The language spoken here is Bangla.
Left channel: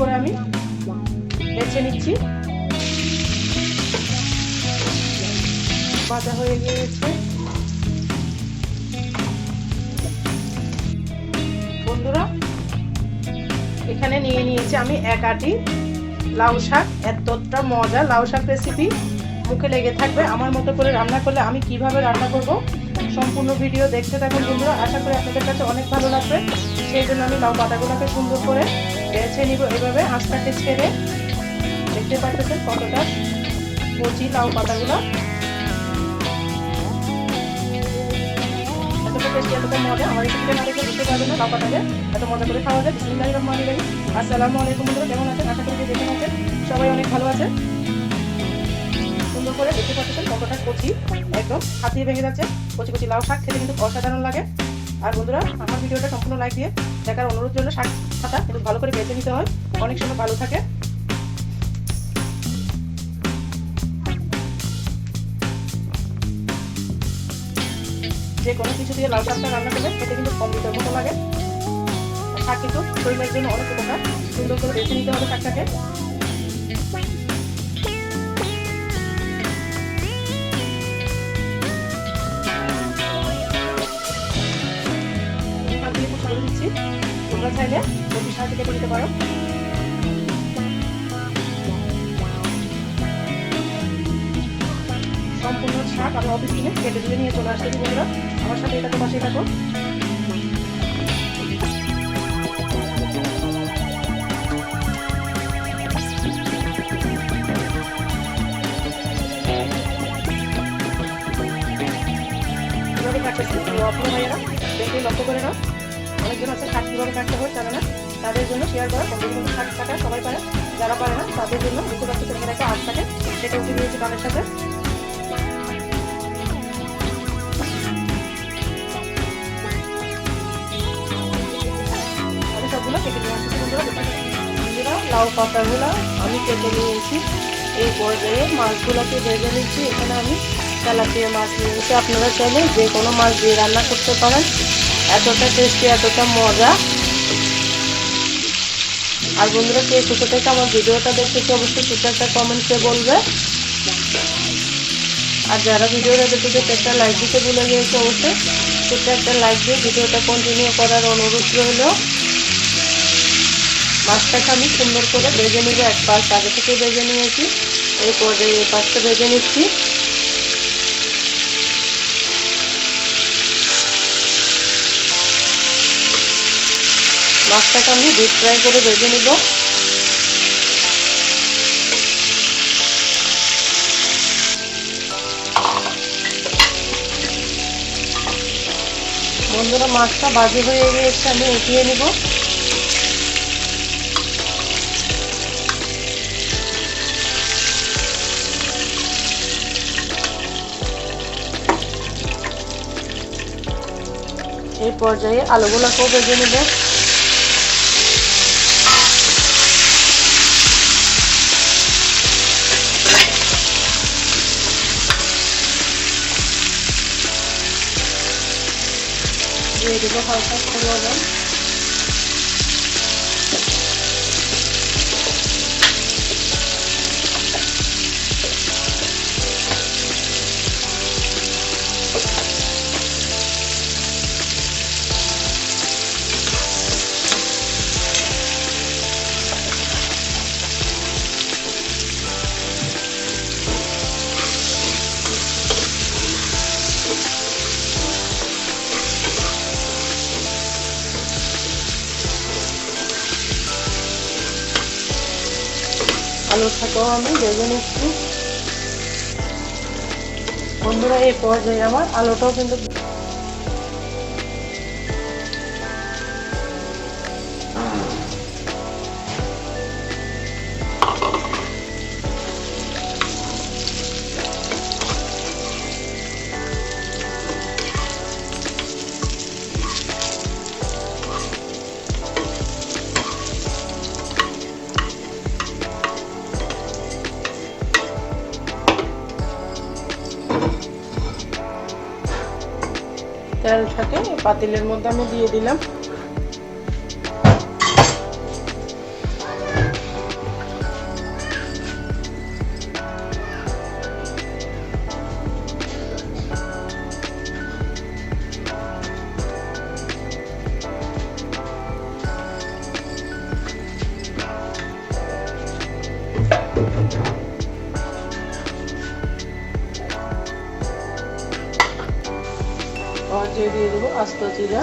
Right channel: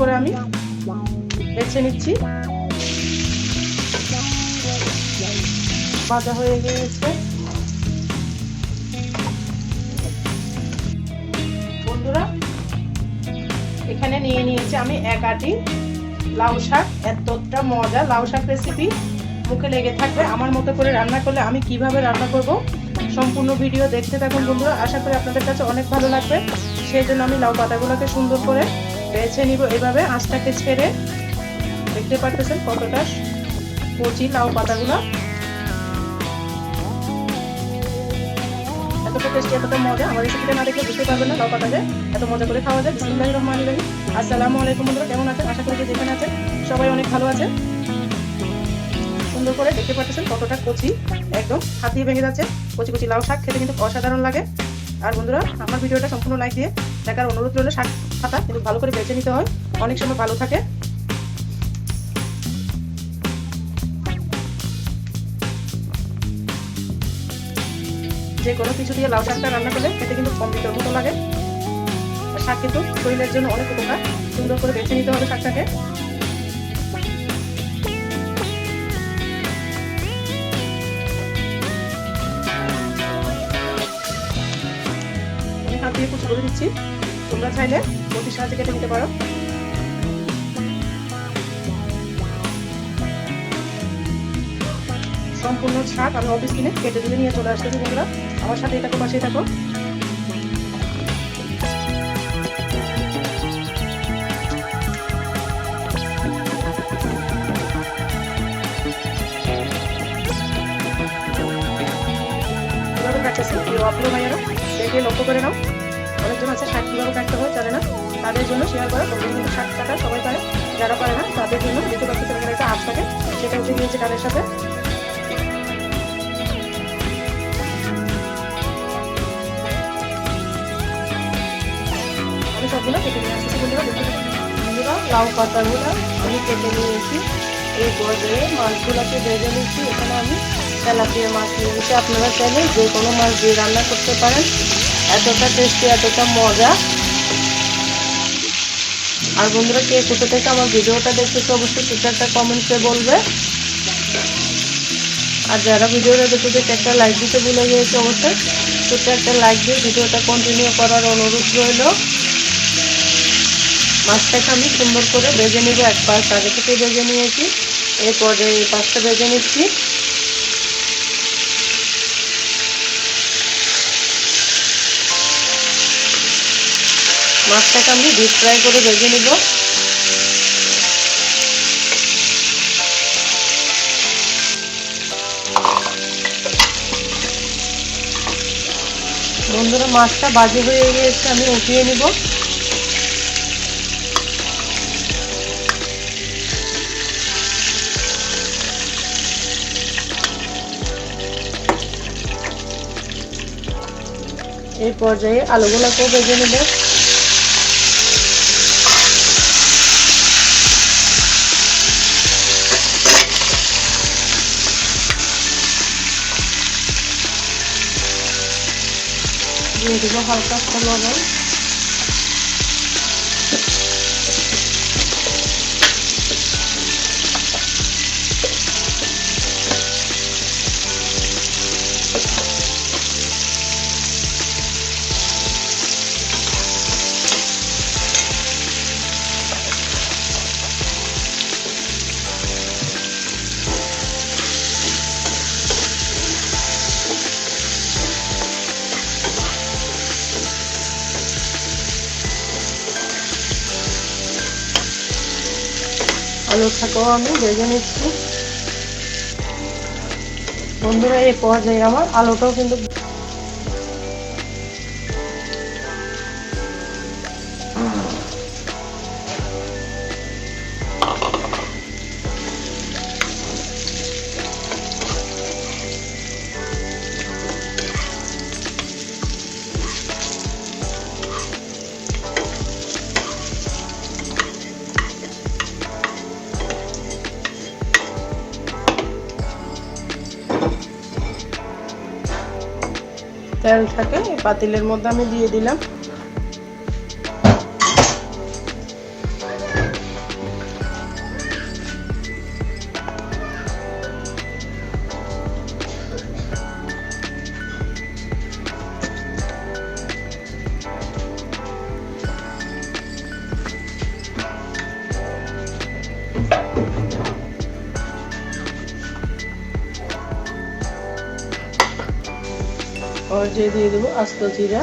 করে আমি বেছে নিচ্ছি। ভাজা হয়ে গিয়েছে। বন্ধুরা এখানে নিয়ে নিয়েছি আমি 1 আটি লাউ শাক। এতটা মজা লাউ শাক রেসিপি, মুখে লেগে থাকবে। আমার মতো করে রান্না করলে আমি কিভাবে রান্না করব সম্পূর্ণ ভিডিও দেখতে থাকুন বন্ধুরা। আশা করি আপনাদের কাছে অনেক ভালো লাগবে। সেই জন্য আমি লাউ পাতাগুলোকে সুন্দর করে বেছে নিব। এভাবে আঁচটাকে ছেড়ে দেখতে পাচ্ছেন কতটা কচি লাউ পাতাগুলো। এতটা টেস্টি, এতটা মজা। আমার রেসিপিটা না দেখলে বুঝতে পারবেন না লাউ পাতাকে এত মজা করে খাওয়া যায়। বিসমিল্লাহির রহমানির রহিম। আসসালামু আলাইকুম বন্ধুরা, কেমন আছেন? আশা করি যেখানে আছেন সবাই অনেক ভালো আছেন। সুন্দর করে দেখতে পাচ্ছেন কতটা কচি, একদম হাতিয়ে ভেঙে যাচ্ছে। কচি কচি লাউ শাক খেতে কিন্তু অসাধারণ লাগে। আর বন্ধুরা আমার ভিডিওটা সম্পূর্ণ লাইক দিয়ে দেখার অনুরোধ রইল। শাক পাতা কিন্তু ভালো করে বেছে নিতে হয়, অনেক সময় ভালো থাকে। যে কোনো কিছু দিয়ে লাউ শাকটা রান্না করলে খেতে কিন্তু অমৃতের মতো লাগে। শাক কিন্তু শরীরের জন্য অনেক উপকার। সুন্দর করে বেছে নিতে হবে শাকটাকে। হাত দিয়ে একটু ছড়িয়ে দিচ্ছি। তোমরা চাইলে বটির সাহায্যে কেটে নিতে পারো। সম্পূর্ণ শাক আমি অফিস কিনে কেটে ধুয়ে নিয়ে চলে আসতেছি বন্ধুরা। আমার সাথে এটা তো পাশেই থাকো। কিভাবে কাটতেছি আপনি ভাইয়েরা দেখে লক্ষ্য করে নাও। অনেকজন আছে শাক কিভাবে কাটতে হয় জানে না, তাদের জন্য শেয়ার করা। শাক কাটা সবাই পারে, যারা পারে না তাদের জন্য দেখতে পাচ্ছি তোমাদের একটা আঁচ থাকে, সেটা উঠে নিয়েছে ডালের সাথে। আমি সবগুলো কেটে নিয়ে আসছি বন্ধুরা। বন্ধুরা লাউ পাতাগুলো আমি কেটে নিয়েছি। এই পর্যায়ে মাছগুলোকে ভেজে নিচ্ছি। এখানে আমি তেলাপিয়া মাছ নিয়েছি। আপনারা চাইলে যে কোনো মাছ দিয়ে রান্না করতে পারেন। এতটা টেস্টি, এতটা মজা। আর বন্ধুরা কে কোথা থেকে আমার ভিডিওটা দেখতেছে অবশ্যই ছোট্ট একটা কমেন্টসে বলবে। আর যারা ভিডিওটা দেখতে একটা লাইক দিতে ভুলে গিয়েছে অবশ্যই ছোট্ট একটা লাইক দিয়ে ভিডিওটা কন্টিনিউ করার অনুরোধ রইল। মাছটাকে আমি সুন্দর করে ভেজে নিব। এক পাশ আগে থেকে ভেজে নিয়েছি, এই পর্যায়ে এই পাশটা ভেজে নিচ্ছি। মাছটাকে আমি ডিপ ফ্রাই করে ভেজে নিব। বন্ধুরা মাছটা ভাজি হয়ে গিয়েছে, আমি উঠিয়ে নিব। এই পর্যায়ে আলুগুলোকেও ভেজে নিব। দিয়ে দিব হালকা লবণ। আলুটাকেও আমি ভেজে নিচ্ছি বন্ধুরা। এই পর্যায়ে আমার আলুটাও কিন্তু তেলটাকে পাতিলের মধ্যে আমি দিয়ে দিলাম। পর্যায়ে দিয়ে দেবো আস্ত জিরা,